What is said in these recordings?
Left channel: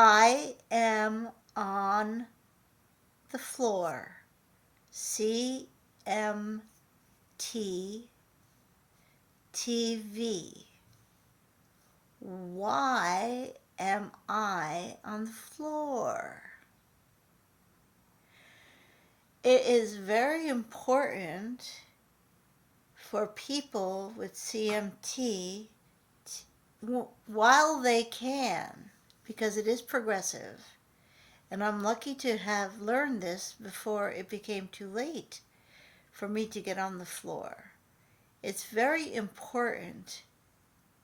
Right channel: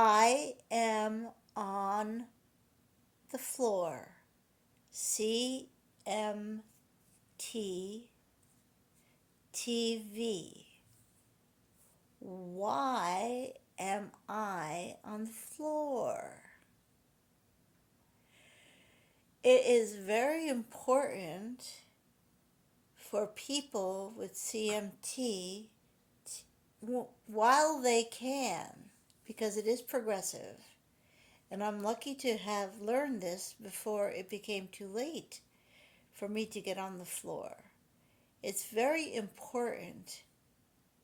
I am on the floor. CMT TV. Why am I on the floor? It is very important for people with CMT while they can, because it is progressive. And I'm lucky to have learned this before it became too late for me to get on the floor. It's very important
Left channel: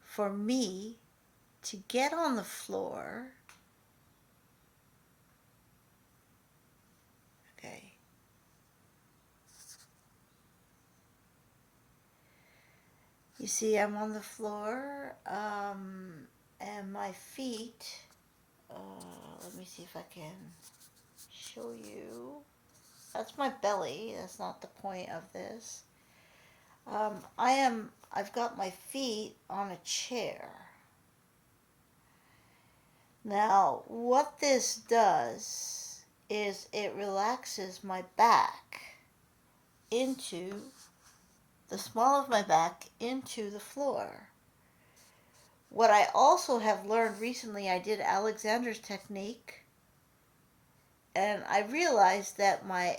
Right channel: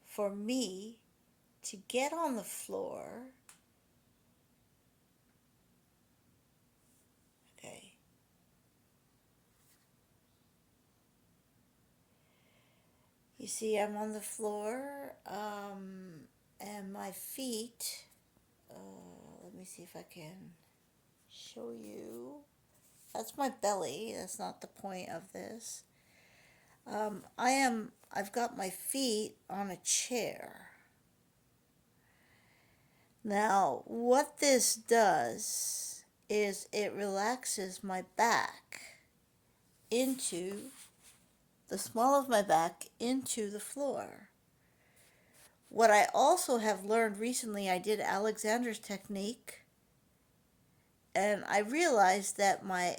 for me to get on the floor. Okay. You see, I'm on the floor, and my feet, let me see if I can show you. That's my belly. That's not the point of this. I've got my feet on a chair. Now, what this does is it relaxes my back into the small of my back into the floor. What I also have learned recently, I did Alexander's technique, and I realized that my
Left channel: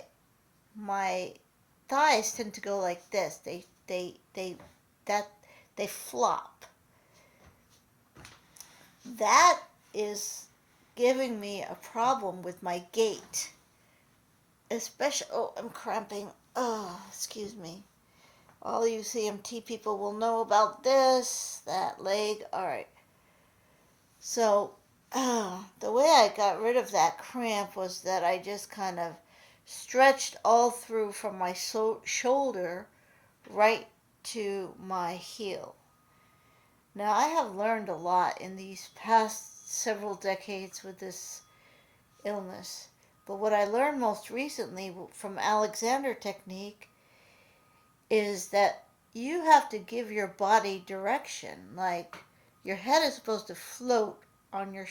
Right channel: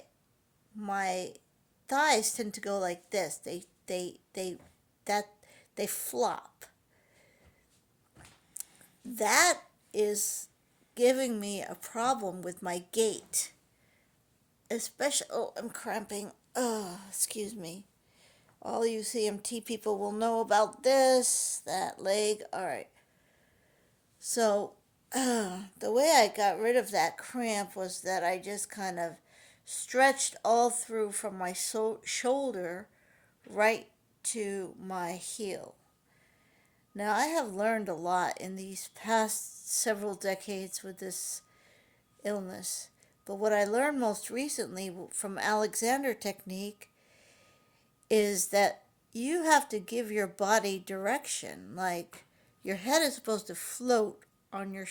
thighs tend to go like this. They flop. That is giving me a problem with my gait. Especially, I'm cramping. Excuse me. All you CMT people will know about this, that leg. All right. So, the way I got rid of that cramp was that I just kind of stretched all through from my shoulder right to my heel. Now, I have learned a lot in these past several decades with this illness. But what I learned most recently from Alexander technique is that you have to give your body direction. Like, your head is supposed to float on your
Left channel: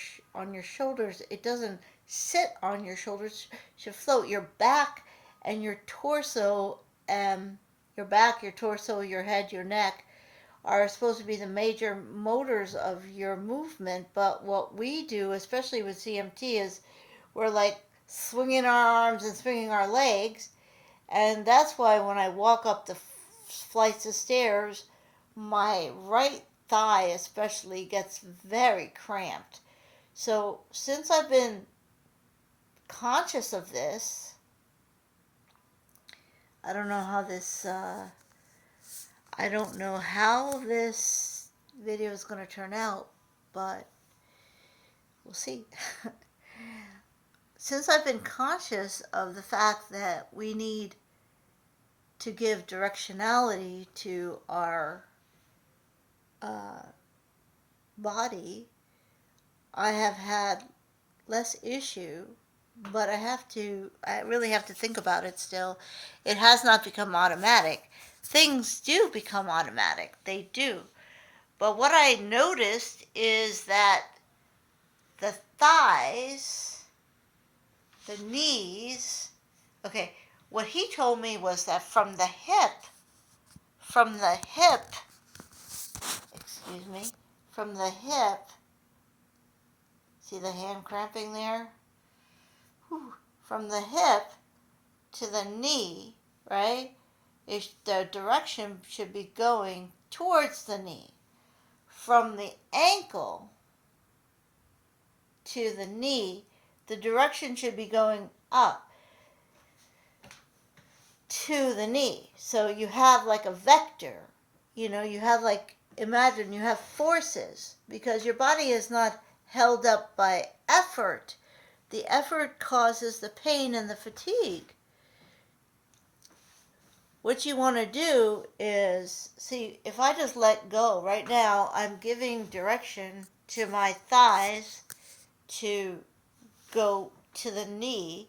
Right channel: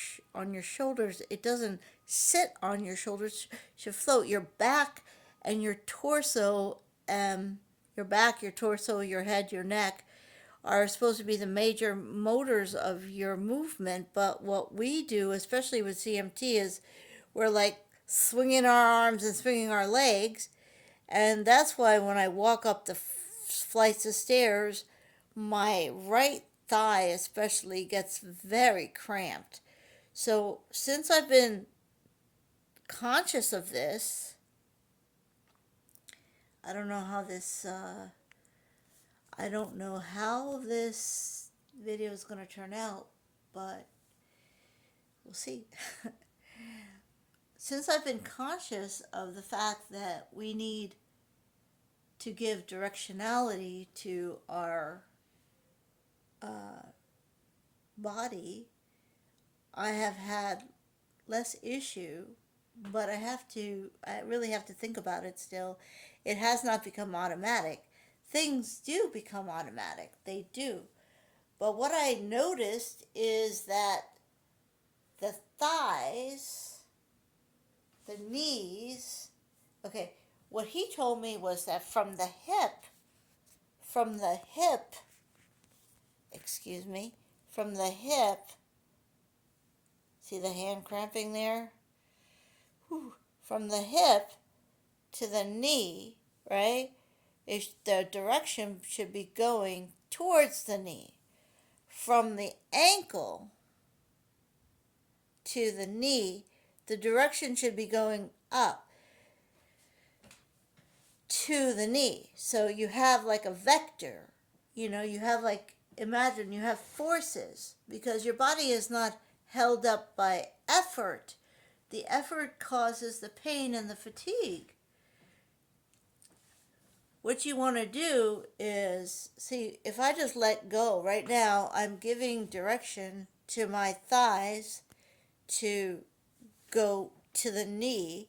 shoulders. It doesn't sit on your shoulders. It should float. Your back and your torso, your back, your torso, your head, your neck are supposed to be the major motors of your movement. But what we do, especially with CMT, is we're like swinging our arms and swinging our legs. And that's why when I walk up the flights of stairs, my right thigh especially gets very cramped. So since I've been conscious of this, I don't know how this video is going to turn out, but we'll see. Since I've been conscious of the fact that we need to give directionality to our body, I have had less issue, but I really have to think about it still. It has not become automatic. Things do become automatic. They do. But what I noticed is that the thighs, the knees, okay, what he told me was that from the hip, excuse me, from the hip, see the hand cramping there? Whew. From the hip to the knee, right? The direction should be going towards the knee. From the ankle to the knee, the direction should be going up to the knee. So you have like a vector. You have like, imagine you have forces, because your body is not held up by effort. The effort causes the pain and the fatigue. What you want to do is, see, if I just let go, right now I'm giving direction to my thighs to go to the knee,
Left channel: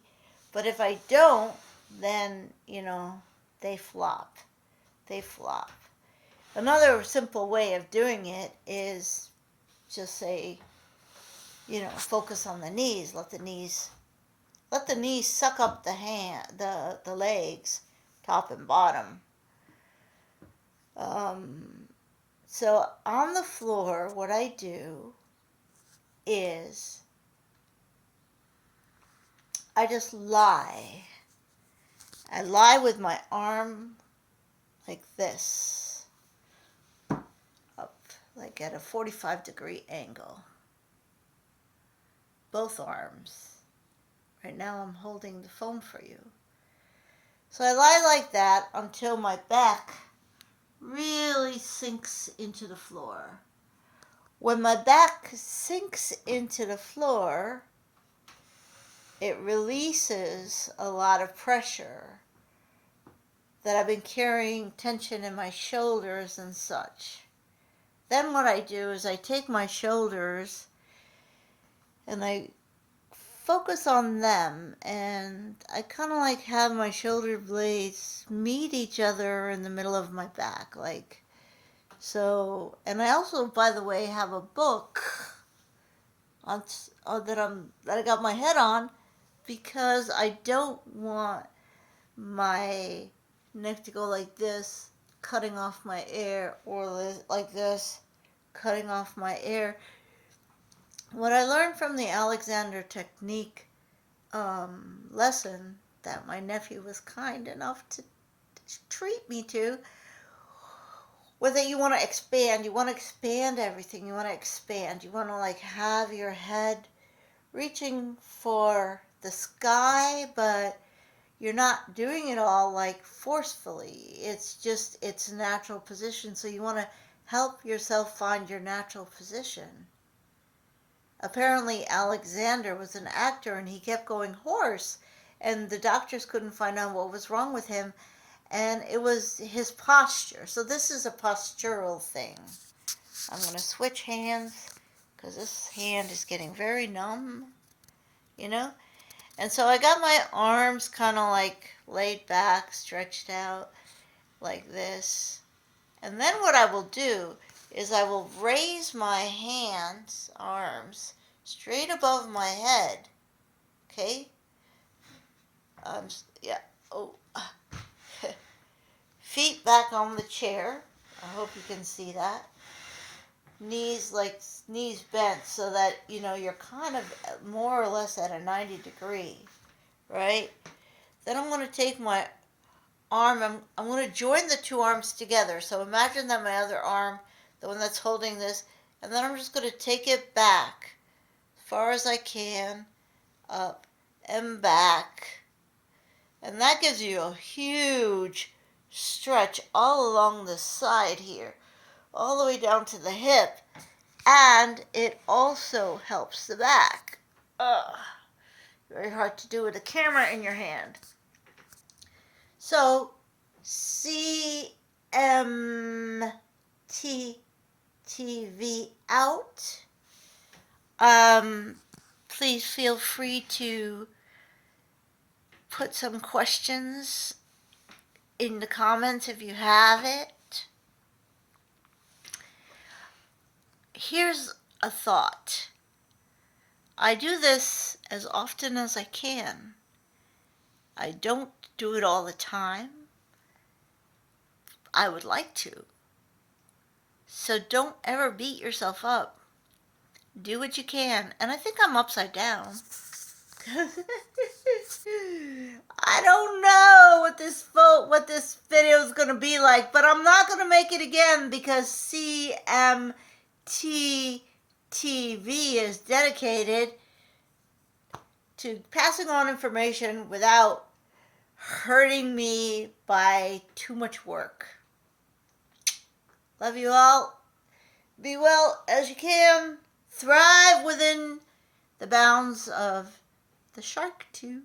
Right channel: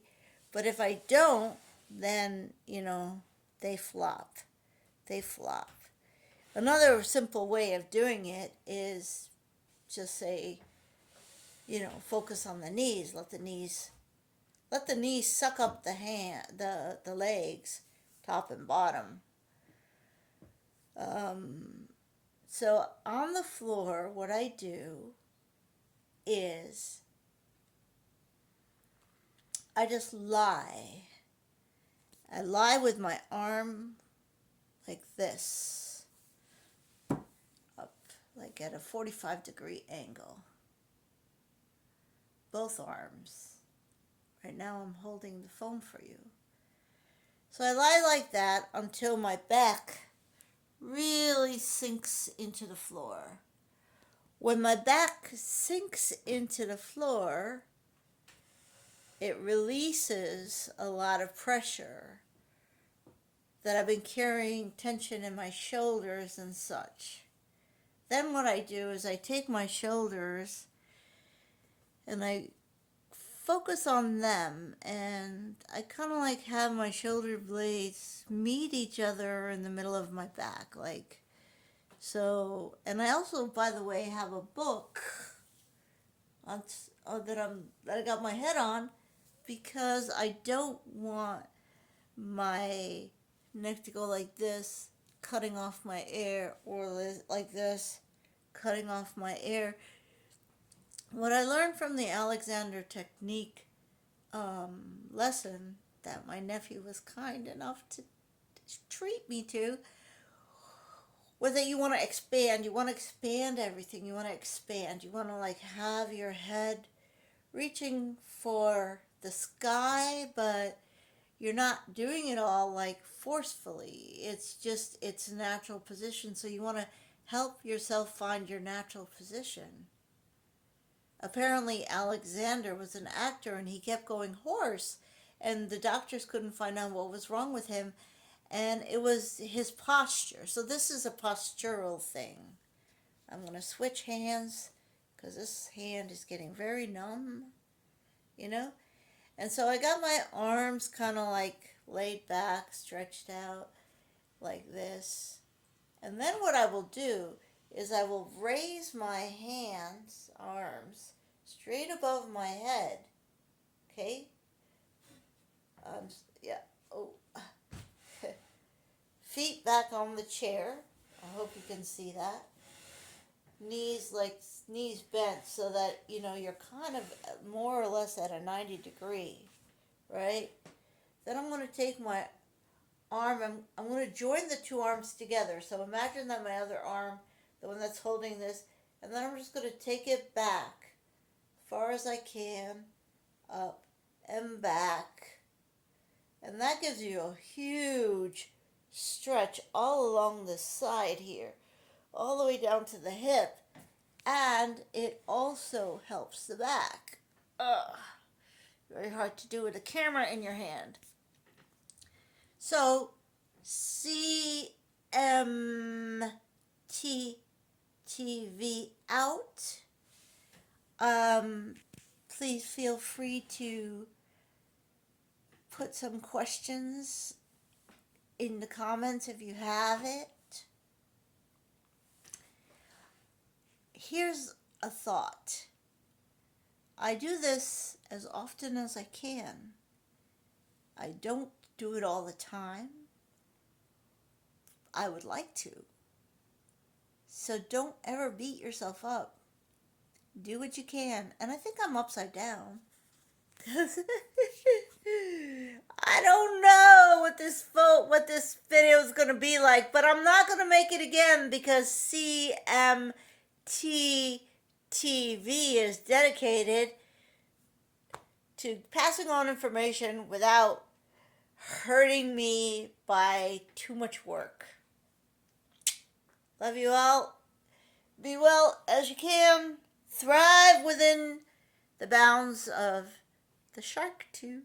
but if I don't, then, they flop. Another simple way of doing it is just say, focus on the knees. Let the knees suck up the legs, top and bottom. So on the floor, what I do is I just lie. I lie with my arm like this, up, like at a 45-degree angle. Both arms. Right now I'm holding the phone for you. So I lie like that until my back really sinks into the floor. When my back sinks into the floor, it releases a lot of pressure that I've been carrying tension in my shoulders and such. Then what I do is I take my shoulders and I focus on them, and I kind of like have my shoulder blades meet each other in the middle of my back, like so. And I also, by the way, have a book that I got my head on, because I don't want my neck to go like this, cutting off my air, or like this, cutting off my air. What I learned from the Alexander technique lesson that my nephew was kind enough to treat me to, was that you want to expand. You want to expand everything. You want to expand. You want to like have your head reaching for the sky, but you're not doing it all like forcefully. It's just its natural position. So you want to help yourself find your natural position. Apparently Alexander was an actor and he kept going hoarse, and the doctors couldn't find out what was wrong with him, and it was his posture. So this is a postural thing. I'm going to switch hands because this hand is getting very numb, And so I got my arms kind of like laid back, stretched out like this. And then what I will do is I will raise my arms, straight above my head. Okay? Yeah. Oh. Feet back on the chair. I hope you can see that. Knees bent so that, you're kind of more or less at a 90 degree, right? Then I'm going to take my arm, I'm going to join the two arms together. So imagine that my other arm, the one that's holding this, and then I'm just going to take it back as far as I can, up and back. And that gives you a huge stretch all along the side here, all the way down to the hip. And it also helps the back. Very hard to do with a camera in your hand. So, CMT TV out. Please feel free to put some questions in the comments if you have it. Here's a thought. I do this as often as I can. I don't do it all the time. I would like to. So don't ever beat yourself up. Do what you can. And I think I'm upside down. I don't know what this video is going to be like, but I'm not going to make it again because CMT TV is dedicated to passing on information without hurting me by too much work. Love you all. Be well as you can. Thrive within the bounds of the shark tooth.